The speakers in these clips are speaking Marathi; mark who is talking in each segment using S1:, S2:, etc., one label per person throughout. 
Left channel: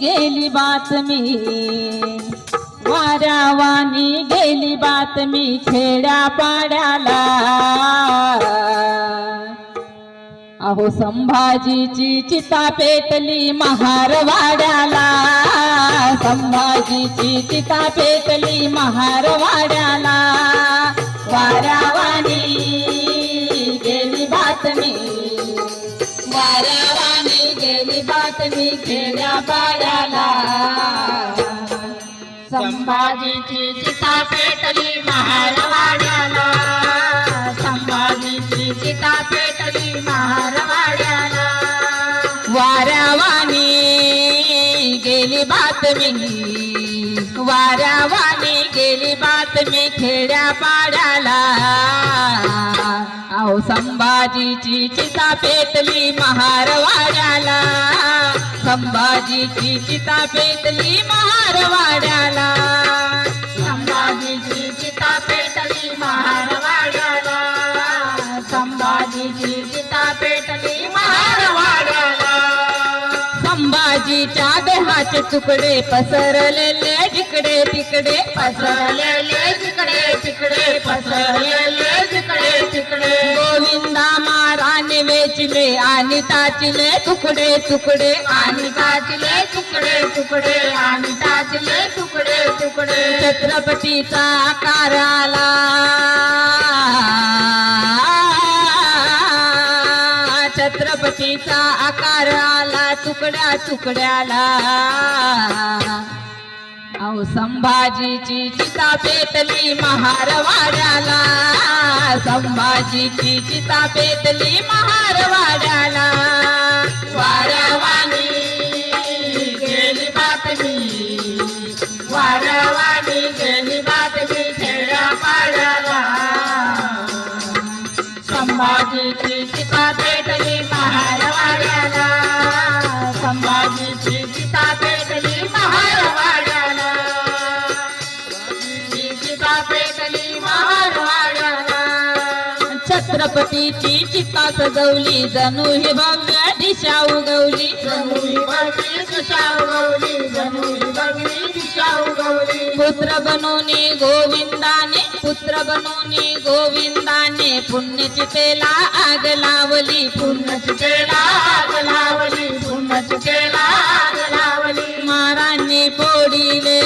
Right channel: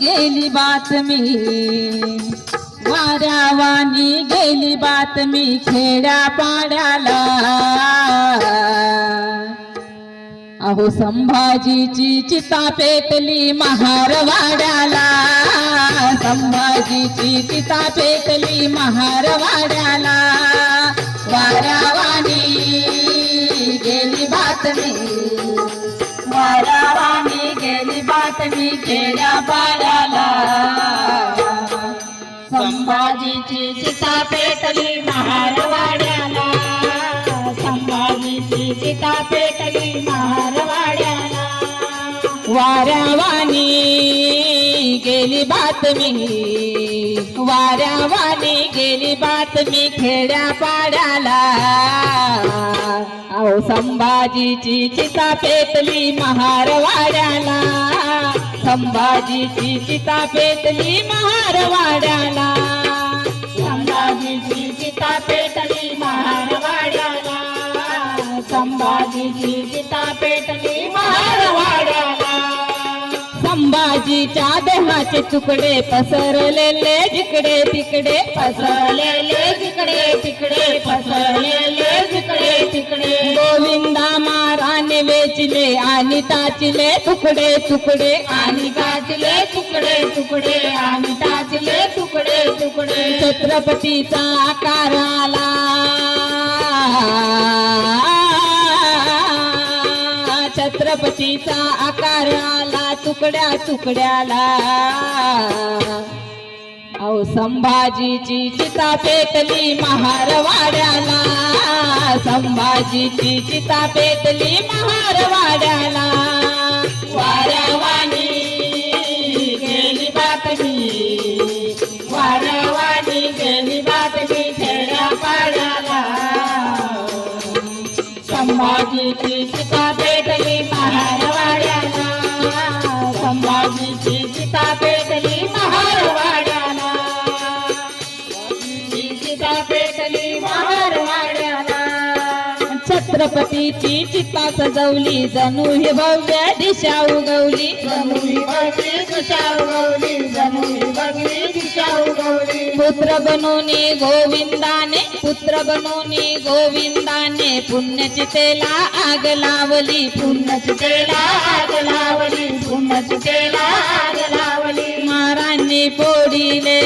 S1: गेली बातमी वाऱ्यावानी गेली बातमी खेड्या पाड्याला अहो संभाजीची चिता पेटली महारवाड्याला. संभाजीची चिता पेटली महारवाड्याला. वाऱ्यावानी गेली बातमी वारा बातमी खेड्या पाड्याला संभाजीची सीता पेटली महारवाड्याला. संभाजीची सीता पेटली महारवाड्याला. वाऱ्यावानी गेली बातमी वाऱ्यावानी गेली बातमी खेड्या पाड्याला अहो संभाजीची चिता पेटली महारवाड्याला. संभाजीची चिता पेटली महारवाड्याला. संभाजीची चिता पेटली महारवाड्याला. संभाजीची चिता पेटली महारवाड्याला. संभाजीच्या देहाचे तुकडे पसरलेले जिकडे तिकडे पसरलेले जिकडे तिकडे आणि ताचले तुकडे तुकडे आणि ताचले तुकडे तुकडे आणि ताचले तुकडे तुकडे. छत्रपतीचा आकार आला छत्रपतीचा आकार आला तुकड्या तुकड्याला. अहो संभाजीची चिता पेटली महारवाड्याला. संभाजीची चिता पेटली महारवाड्याला. वाऱ्यावानी गेली बातमी. वाऱ्यावानी गेली बातमी खेड्या पाड्याला संभाजीची गणपतीची चिता सजवली जणू ही भव्य दिशा उगवली. जणू ही भव्य दिशा उगवली जणू ही भव्य दिशा उगवली पुत्र बनोनी गोविंदाने पुत्र बनोनी गोविंदाने पुण्यचितेला आग लावली पुण्यचितेला आग लावली. पुण्यचितेला आग लावली मारांनी पोडिले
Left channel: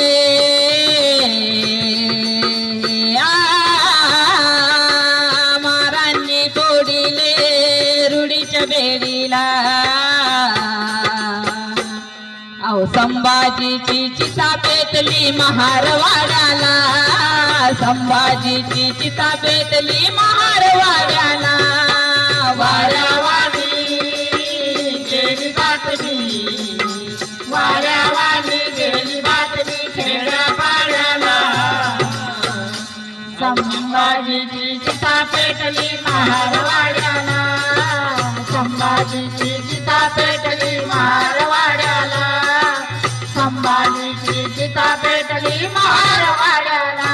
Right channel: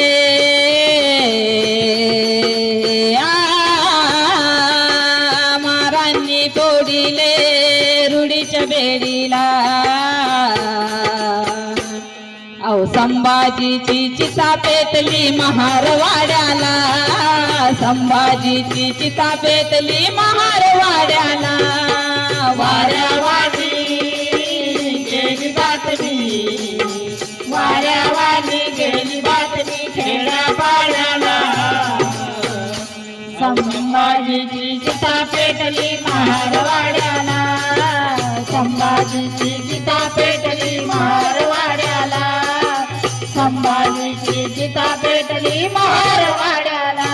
S1: संभाजीची चिता पेटली महारवाड्याला. संभाजीची चिता पेटली महारवाड्याला. वाऱ्यावानी गेली बातमी वाऱ्यावानी गेली बातमी खेड्या पाड्याला संभाजीची चिता पेटली महारवाड्याला. संभाजीची चिता पेटली महारवाड्याला अंबाजीची चिता पेटली महारवाड्याला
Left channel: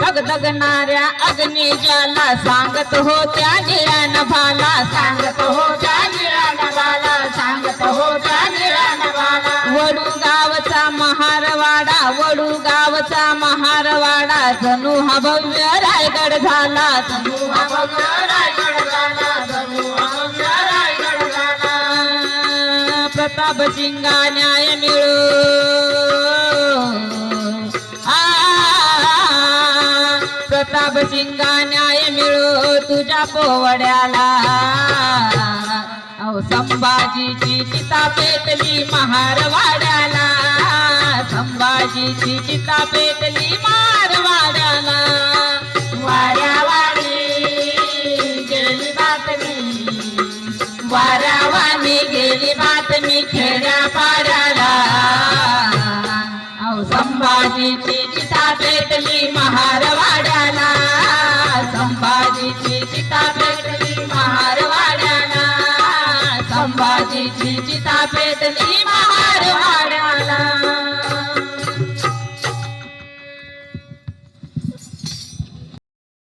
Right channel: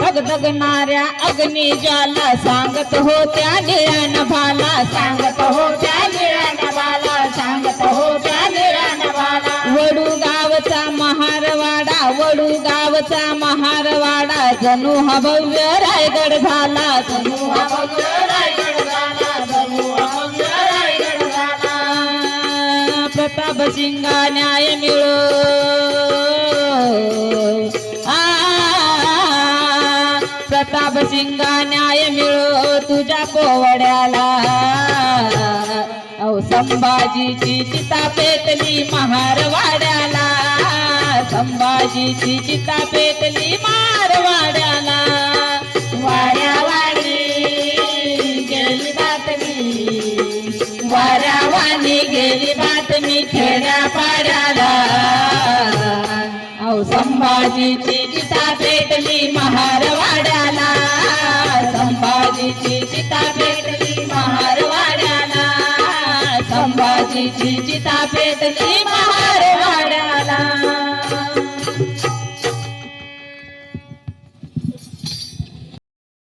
S1: धगधगणाऱ्या अग्निजाला सांगत होत्या निळ्या नभाला सांगत होत्या निळ्या नभाला सांगत होत्या निळ्या नभाला वडू गावचा महारवाडा वडू गावचा महारवाडा. जणू हा भव्य रायगड झाला. जणू हा भव्य रायगड झाला. जणू प्रताप सिंगा न्याय मिळो. प्रताप सिंगा न्याय मिळो तुझ्या पोवड्याला. अहो संभाजीची चिता पेटली महारवाड्याला. संभाजीची चिता पेटली महारवाड्याला. वाऱ्यावाडी गेली बातमी. वाऱ्यावानी गेली संभाजीची चिता पेटली महारवाड्याला. संभाजीची चिता पेटली महारवाड्याला. संभाजीची चिता पेटली महार